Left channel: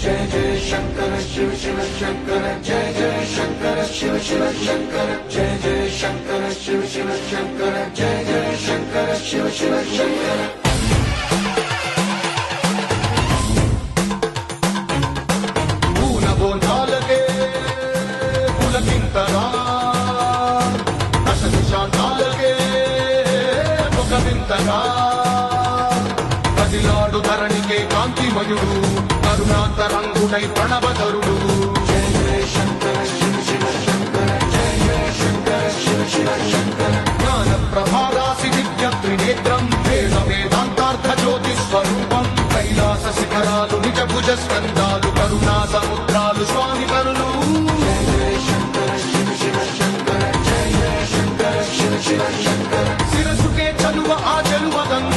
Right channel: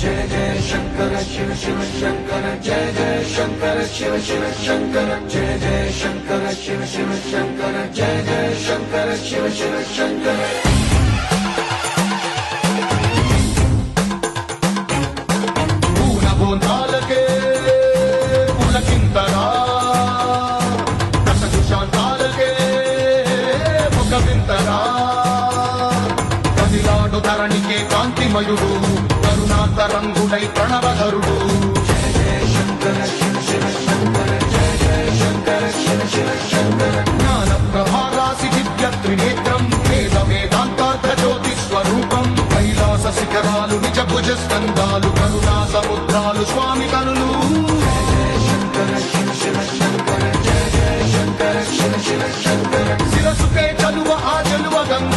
जय जय शंकर शिव शिव शंकर जय जय शंकर शिव शिव शंकर जय जय शंकर शिव शिव शंकर जय जय शंकर शिव शिव शंकर पूल बोंदालके पुलकिंतरा दश सुशांतालके मुखविंतरा కదిలాడు ధరణికే కాంతిమయుడు కరుణాంతరంగుడై ప్రణవధరుడు జయ జయ శంకర శివ శివ శంకర జయ జయ శంకర శివ శివ శంకర జ్ఞాన ప్రభారాసి దివ్య త్రినేత్రం వేద వేదాంతార్థ జ్యోతి స్వరూపం కైలాస శిఖరాలు నిజ భుజ స్కందాలు కరుణా సముద్రాలు స్వామి కరులు జయ జయ శంకర శివ శివ శంకర జయ జయ శంకర శివ శివ శంకర శిరసుకే చలువ ఆ చెలువ గంగ